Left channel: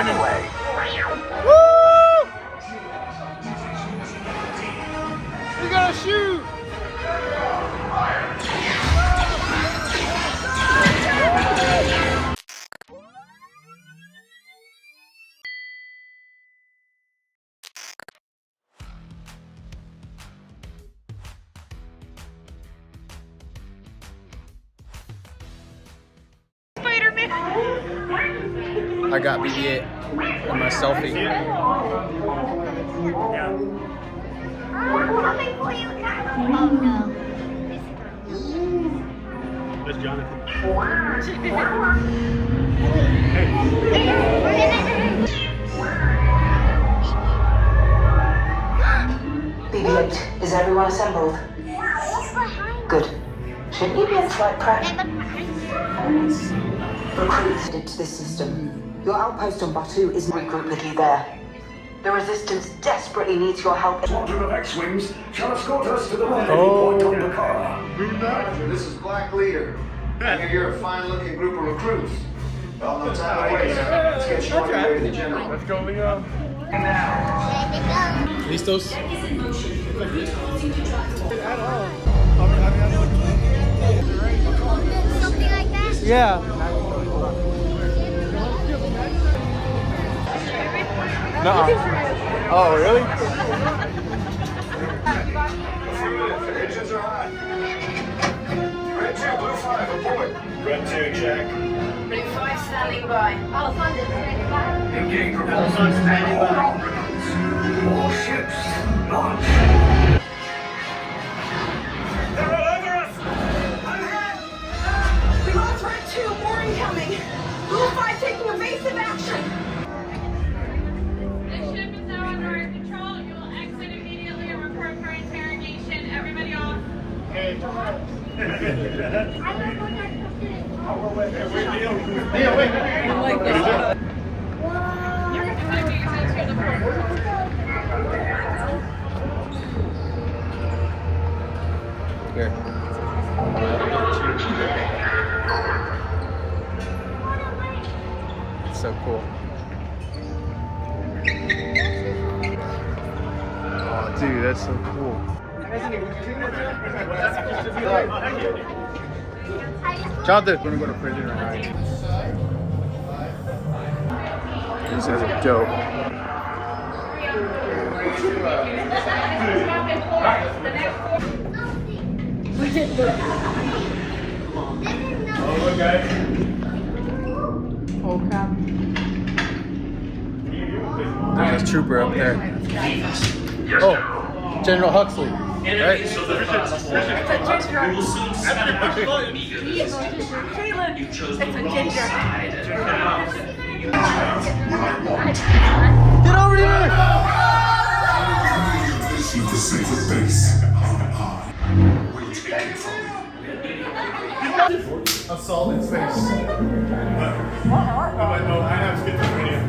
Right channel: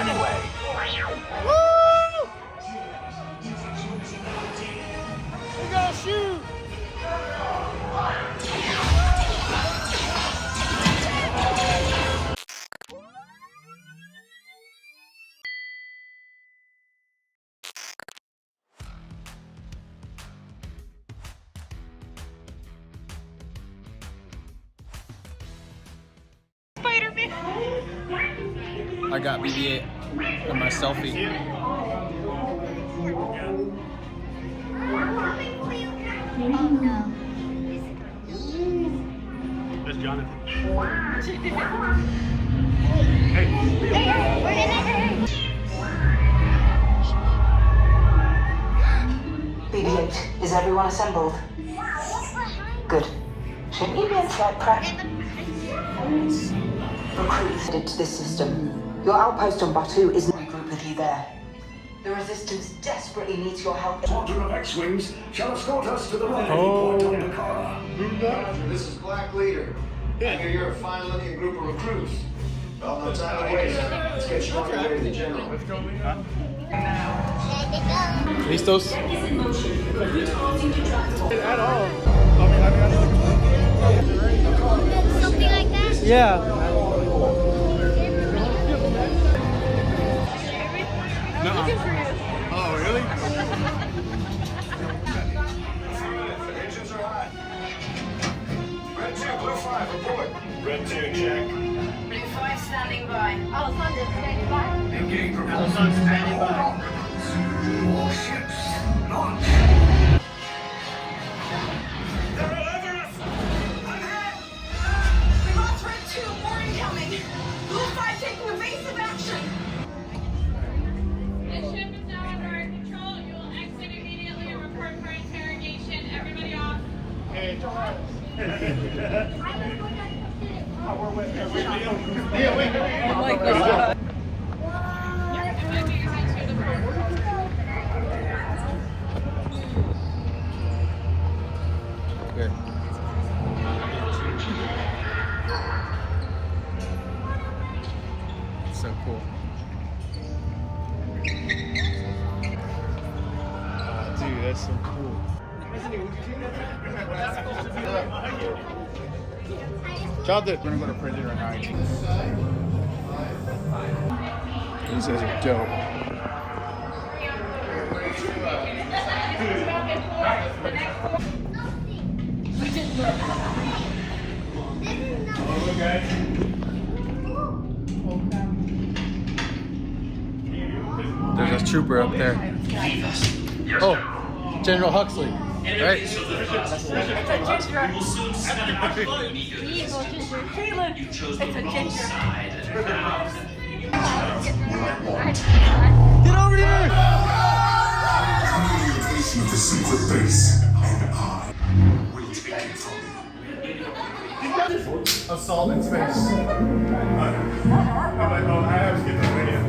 anyway. Woo! We gotta shoot! Spider-Man. I got BB-8 in my selfie. Oh no. That's Jonathan. BB-8, is everyone assembled? Good. Should BB-8's like practice? Recruits into this system. Your outpost on Batu is regroup with you there. The Resistance desperately needs your help. Squadron of X-Wings shall escort us to the rendezvous point on Dakar. This is Black Leader. I hear you're a fine-looking group of recruits. Well, no time to waste. Let's get you on your way to the General. Let's go, Leon. Listos? At all. Something like that? Yeah. Nuh-uh. Oh, really? Engines are hot. Red 2, Blue 5, report. Red 2, check. Blue 5 standing by. Alpha standing by. Engage propulsion standing by. All ships launch. They're all over us! We lost Red 2, more incoming. Blue 5 taking evasive action. The ship is now under our control. You will exit immediately and report for interrogation. Everybody off. Good. So cool. Oh, dude, that's so cool. Jonathan's gonna go to prison or not. These guys are dope. There's a trooper up there. Oh, General Huxley, right? Get over here! Facing the secret base. We'll take it from you. Assault in space. I have schizophrenia.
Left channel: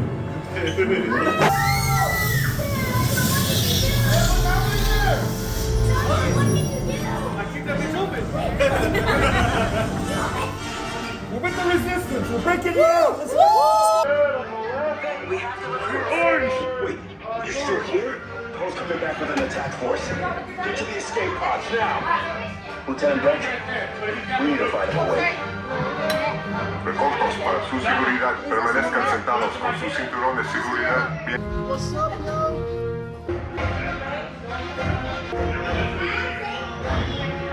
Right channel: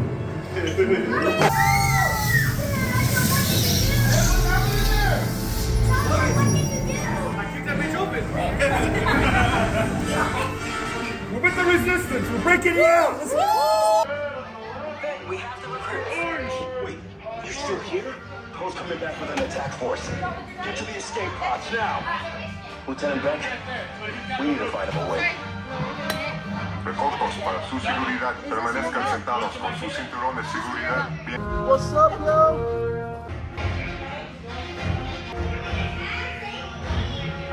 We're with the Resistance. We're breaking you out. Let's go. Orange! Wait, you're still here? Cole's coming back with an attack force. Get to the escape pods now. Lieutenant Brent, we need to find him a way. Recaudos para su seguridad. Permanezcan sentados con su cinturón de seguridad. What's up, yo?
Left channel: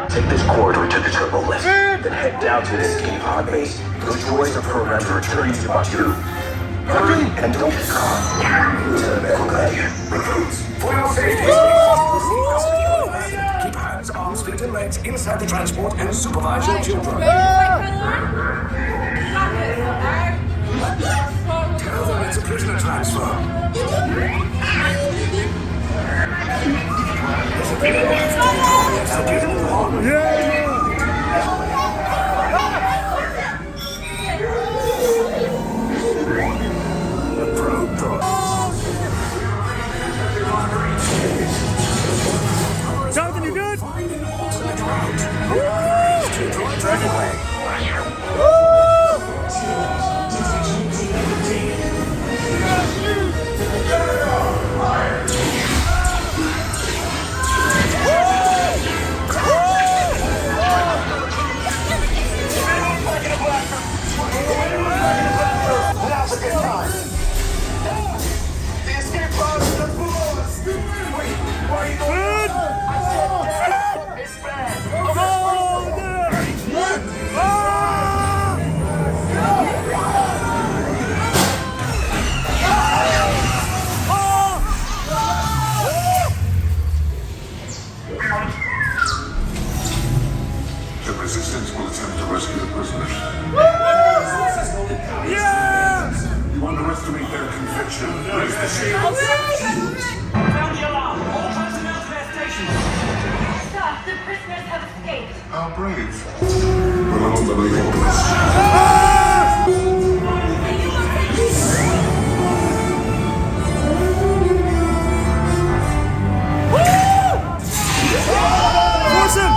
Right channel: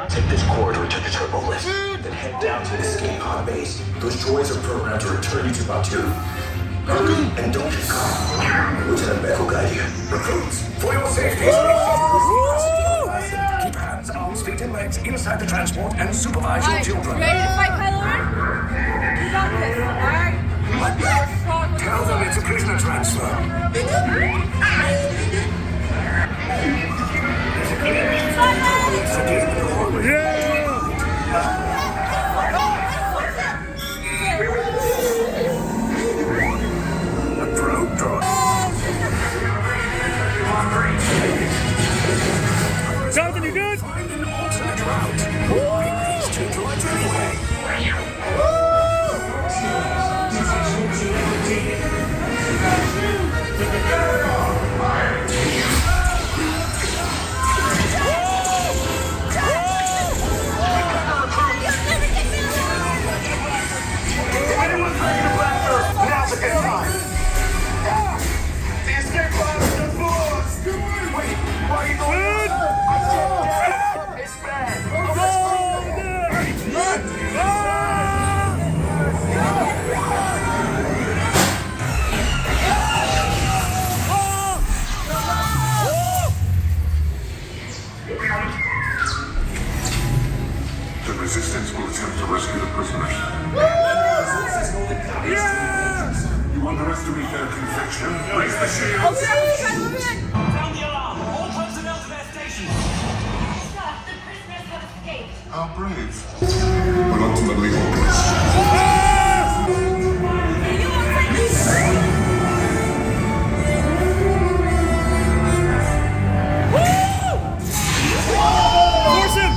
Take this corridor to the turbo lift, then head down to the escape pod base. Those droids are programmed to return you to Batu. Hurry and don't get caught. Lieutenant Beck will guide you. Recruits, for your safety. Keep hands, arms, feet, and legs inside the transport and supervise your children. Tell them it's a prisoner transfer. Jonathan, you good? Find an alternate route. These two droids anyway. How brave. But ultimately hopeless. Force him!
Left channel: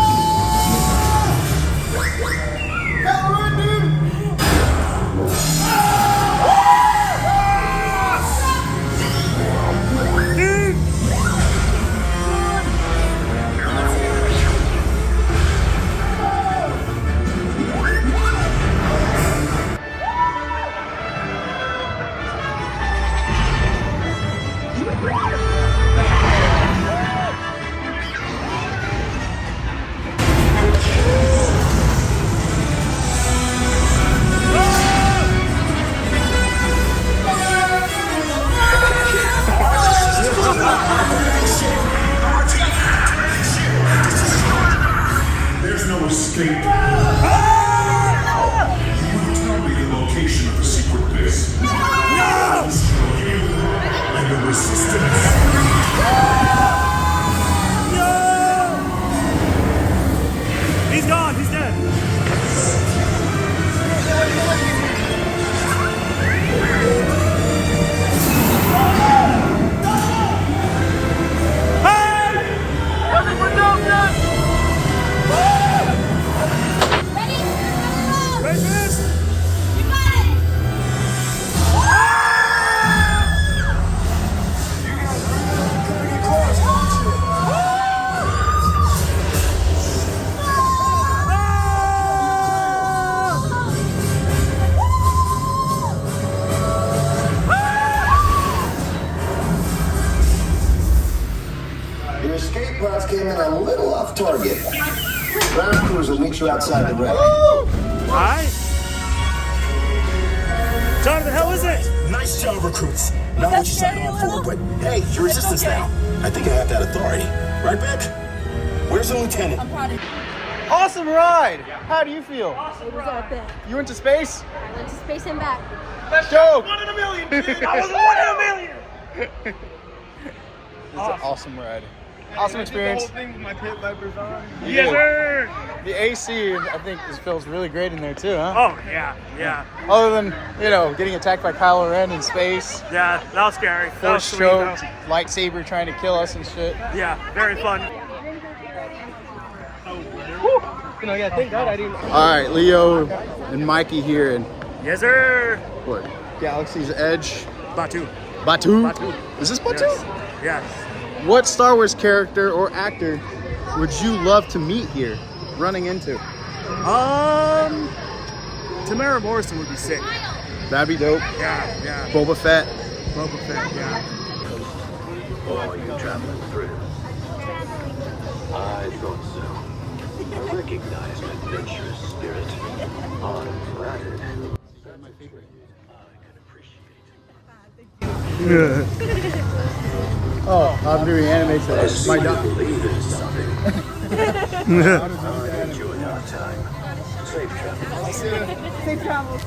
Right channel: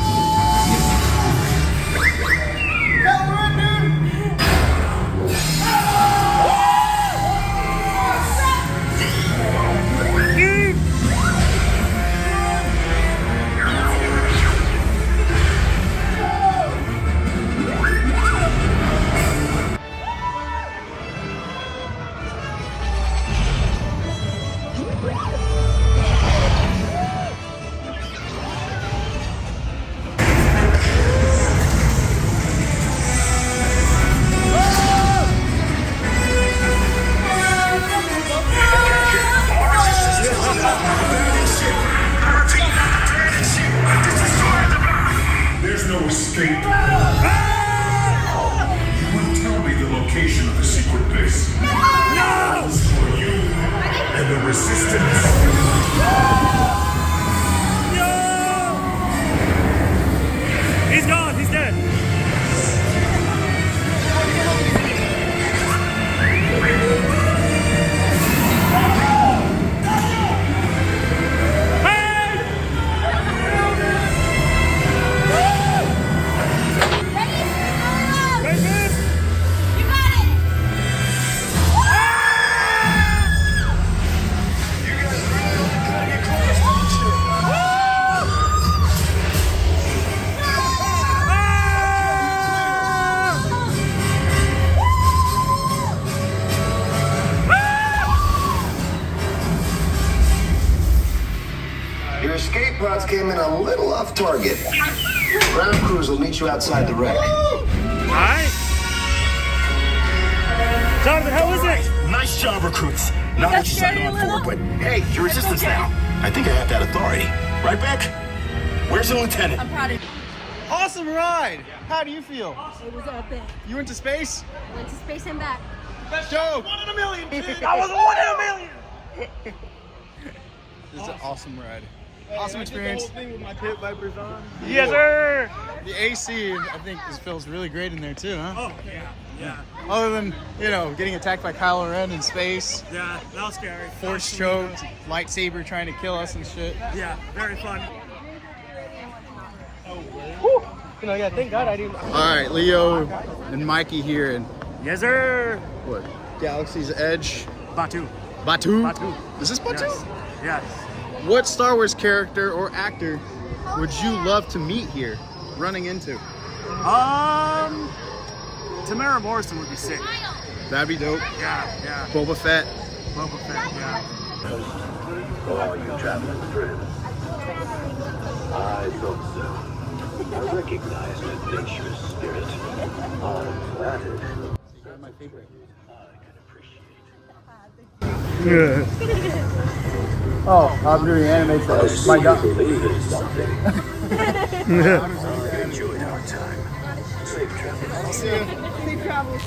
There's no escape. You wouldn't tell me the location of the secret base. No! For you and the resistance. He's gone, he's dead. Your escape pods came in a little off target. Ground crews will meet you outside the wreck. Alright. John, the hell is it? Nice job, recruits. Not what you signed on for, but hey, you're resistance now. I think I have that authority. Right, Beck? Where's the lieutenant? I'm proud of you. Awesome ride. How do you feel? It was epic. You went to space? I went to space and back. Dope. 1 in a million, dude. I was 1 in a million. This is an awesome ride. Awesome experience. The whole thing with my pit vipers on. Yes, sir. The AC, I think, feels really great in there too, huh? Oh, yeah, yeah. Other than, you know, getting attacked by Kylo Ren in space, Yeah, that was scary. That was force sweet, choked, though. lightsaber trying to kill us and shit. Yeah, very fun. You know, yeah, thank God I didn't. All right, Leo and Mikey here in Yes, sir. what? Galaxy's Edge. Batu. Batu? Batu. Is this Batu? Yes. What Star Wars character or actor would you love to meet here, running into? Tamara Morrison would be sick. That'd be dope. Yeah, yeah. Boba Fett. Boba Fett, yeah. Oh, you traveling through. I thought so. I recognize my adventurous spirit. I'm flattered. My favorite. Oh, I'm doing anime for I see my you God. believe in something. I enjoyed our time. Safe travel. Safe travels.